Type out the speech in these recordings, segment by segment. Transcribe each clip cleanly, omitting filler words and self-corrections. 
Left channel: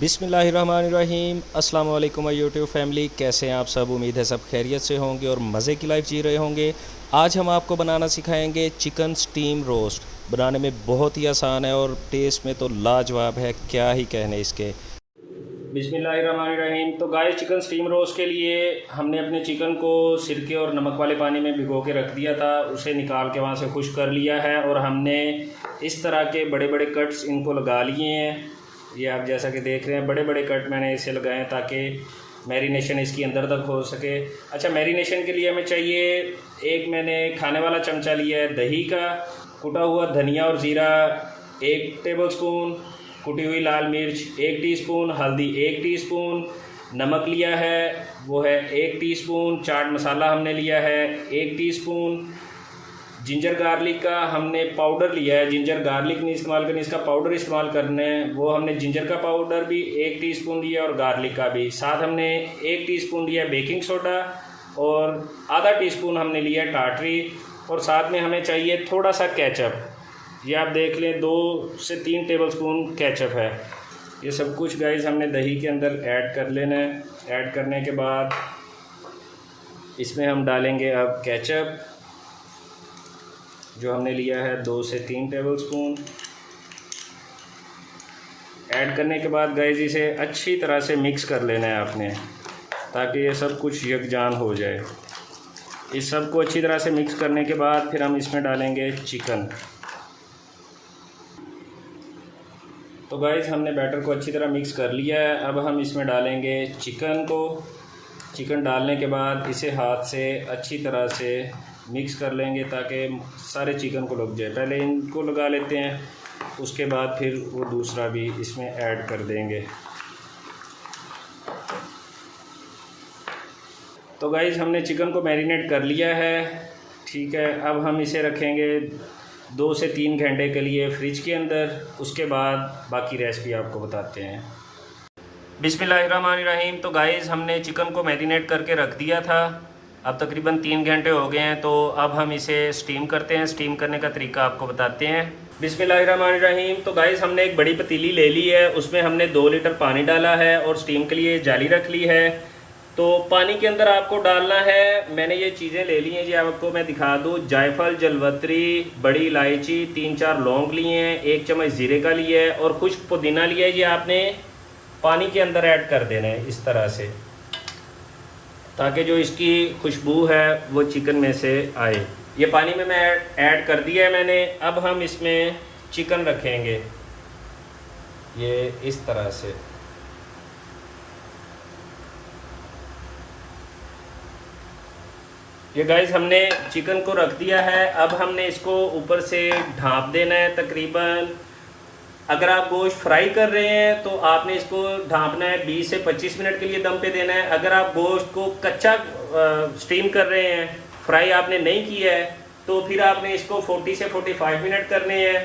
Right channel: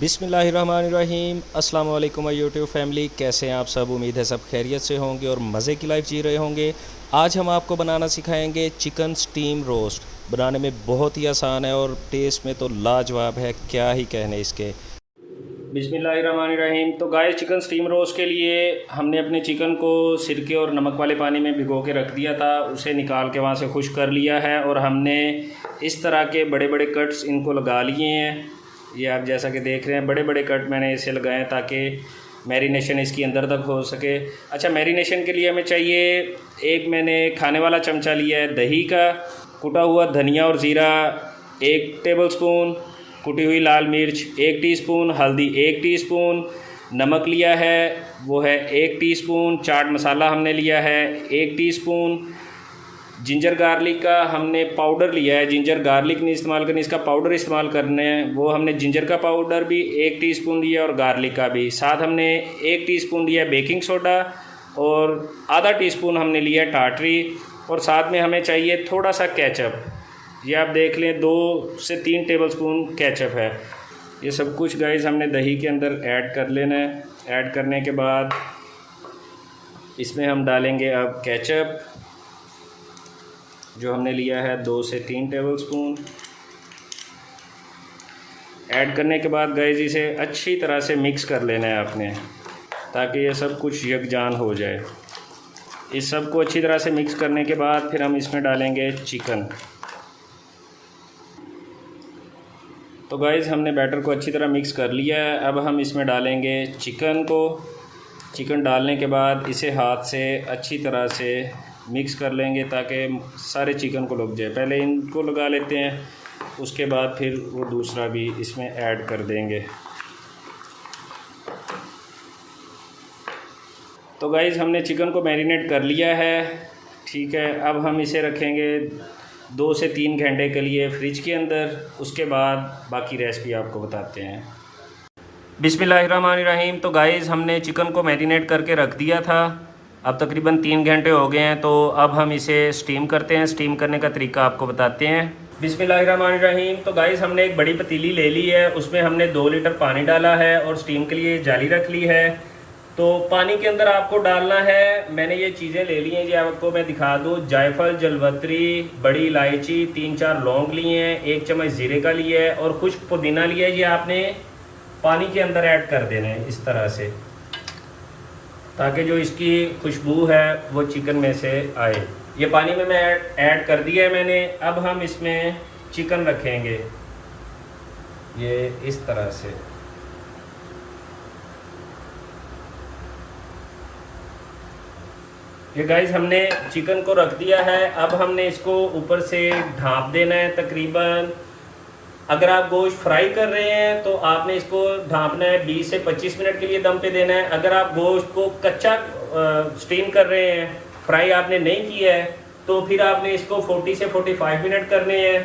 बिस्मिल्लाहिर्रहमानिर्रहीम। अस्सलाम वालेकुम माय यूट्यूब फैमिली, कैसे हैं आप सब। उम्मीद है सब खैरियत से होंगे और मज़े की लाइफ जी रहे होंगे। आज हम आपको बनाना सिखाएंगे चिकन स्टीम रोस्ट। बनाने में बहुत ही आसान है और टेस्ट में तो लाजवाब है, क्या ही कहने इसके। बिस्मिल्लाहिर्रहमानिर्रहीम। तो गाइस, चिकन स्टीम रोस्ट के लिए हमने अपने चिकन को सिरके और नमक वाले पानी में भिगो के रख दिया था। उसे निकाल के वहाँ से खुश कर लिया है और हमने इस तरह के बड़े बड़े कट्स इनको लगा लिए हैं। ये आप जैसा कि देख रहे हैं, बड़े बड़े कट मैंने इसे लगाए हैं ताकि मैरिनेशन इसकी अंदर तक हो सके। अच्छा, मैरिनेशन के लिए हमें चाहिए, एक मैंने खाने वाला चमचा लिया है दही का, कुटा हुआ धनिया और ज़ीरा 1 टेबलस्पून, कुटी हुई लाल मिर्च 1 टीस्पून, हल्दी 1 टीस्पून, नमक लिया है वो है 1 टीस्पून, चाट मसाला हमने लिया है 1 टीस्पून, जिंजर गार्लिक का हमने पाउडर लिया है। जिंजर गार्लिक नहीं इस्तेमाल करनी, इसका पाउडर इस्तेमाल करने हैं। वो हमने जिंजर का पाउडर भी 1 टीस्पून दिया और गार्लिक का भी। साथ हमने 1 टीस्पून दिया बेकिंग सोडा और आधा टीस्पून हमने लिया टाटरी। और साथ में हमें चाहिए थोड़ा सा केचप। ये आप देख लें, 2 से 3 टेबलस्पून केचप है। ये सब कुछ गाइस हमने दही के अंदर ऐड कर लेना है। ऐड करने के बाद इसमें हम डालेंगे अब केचप, जो हमने लिया है 2 से 3 टेबलस्पून। ऐड करने के बाद गाइस इसे अच्छी तरह से मिक्स कर लेना है आपने, ताकि ये सब कुछ यकजान हो जाए। इस सब को अच्छी तरह से मिक्स करने के बाद फिर हम इसमें डालेंगे चिकन। तो गाइस, हमने बैटर को अच्छी तरह मिक्स कर लिया है। अब हम इसमें डालेंगे चिकन को। चिकन डालने के बाद इसे हाथ से अच्छी तरह से मिक्स कर लेंगे ताकि सारे चिकन को लग जाए। पहले इनको लगा लेते हैं, उसके बाद फिर वो दूसरा भी इसमें ऐड कर देंगे। तो गाइस, हमने चिकन को मैरिनेट कर लिया है, ठीक है। अब हम इसे रखेंगे 2 से 3 घंटे के लिए फ्रिज के अंदर। उसके बाद बाकी रेसिपी आपको बताते हैं। बिस्मिल्लाहिर्रहमानिर्रहीम। तो गाइस, हमने चिकन को मैरिनेट करके रख दिया था। अब तकरीबन 3 घंटे हो गए हैं। तो अब हम इसे स्टीम करते हैं। स्टीम करने का तरीका आपको बताते हैं। बिस्मिल्लाहिर्रहमानिर्रहीम। तो गाइस, हमने एक बड़ी पतीली ले ली है, उसमें हमने 2 लीटर पानी डाला है और स्टीम के लिए जाली रख ली है। तो पानी के अंदर आपको डालना है, मैंने ये चीज़ें ले ली हैं जी, आपको मैं दिखा दूँ। जायफल, जलवत्री, बड़ी इलायची, 3-4 लौंग लिए हैं, 1 चम्मच ज़ीरे का लिया है और कुछ पुदीना लिया है। ये आपने पानी के अंदर ऐड कर देना है इस तरह से, ताकि जो इसकी खुशबू है वो चिकन में से आए। ये पानी में मैं ऐड कर दिया है मैंने। अब हम इसमें चिकन रखेंगे ये इस तरह से। ये गाइस, हमने चिकन को रख दिया है। अब हमने इसको ऊपर से ढाँप देना है तकरीबन। अगर आप गोश्त फ्राई कर रहे हैं तो आपने इसको ढाँपना है, 20 से 25 मिनट के लिए दम पे देना है। अगर आप गोश्त को कच्चा स्टीम कर रहे हैं, फ्राई आपने नहीं किया है, तो फिर आपने इसको 40 से 45 मिनट करने हैं।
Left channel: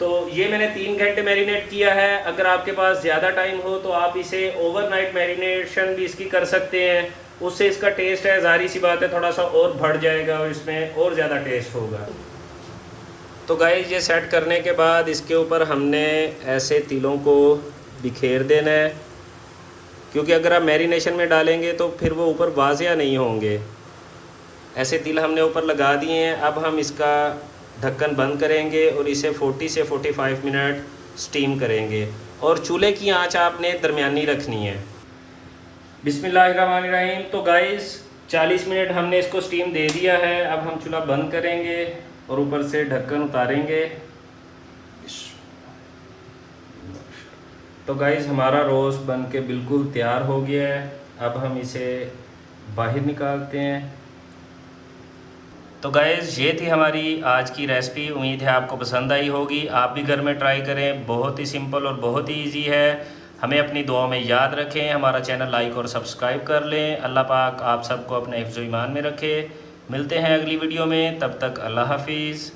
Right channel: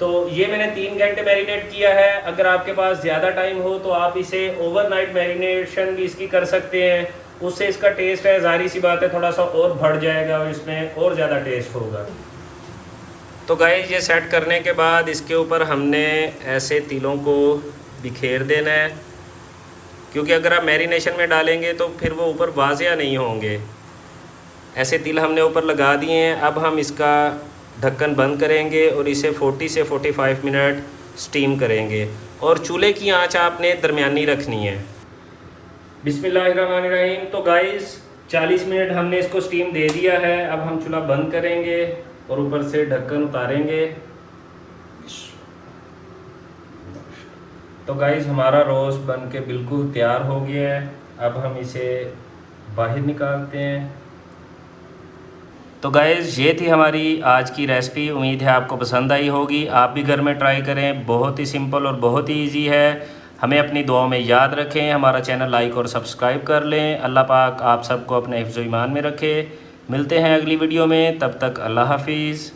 तो ये मैंने 3 घंटे मैरिनेट किया है। अगर आपके पास ज़्यादा टाइम हो तो आप इसे ओवरनाइट मैरिनेशन भी इसकी कर सकते हैं। उससे इसका टेस्ट है, ज़ाहिर सी बात है, थोड़ा सा और बढ़ जाएगा और इसमें और ज़्यादा टेस्ट होगा। तो गाइस, ये सेट करने के बाद इसके ऊपर हमने ऐसे तिलों को बिखेर देना है, क्योंकि अगर आप मैरिनेशन में डालेंगे तो फिर वो ऊपर वाज़िया नहीं होंगे। ऐसे तिल हमने ऊपर लगा दिए हैं। अब हम इसका ढक्कन बंद करेंगे और इसे 40 से 45 मिनट स्टीम करेंगे और चूल्हे की आंच आपने दरमियानी रखनी है। बिस्मिल्लाहिर्रहमानिर्रहीम। तो गाइस, 40 मिनट हमने इसको स्टीम दे दिया है। अब हम चूल्हा बंद करेंगे और ऊपर से ढक्कन उतारेंगे। तो गाइस, हमारा रोस्ट बन के बिल्कुल तैयार हो गया है। अब हम इसे बाहर निकालते हैं। तो गाइस, ये थी हमारी आज की रेसिपी। उम्मीद है आपको पसंद आई होगी। आप भी घर में ट्राई करें, बहुत ही सिंपल और बहुत ही ईजी है। हमें अपनी दुआओं में याद रखें, हमारा चैनल लाइक और सब्सक्राइब कर लें। अल्लाह पाक आप सबको अपने हिफ्ज़-ओ-ईमान में रखे। मिलते हैं अगली वीडियो में, तब तक अल्लाह हाफिज़।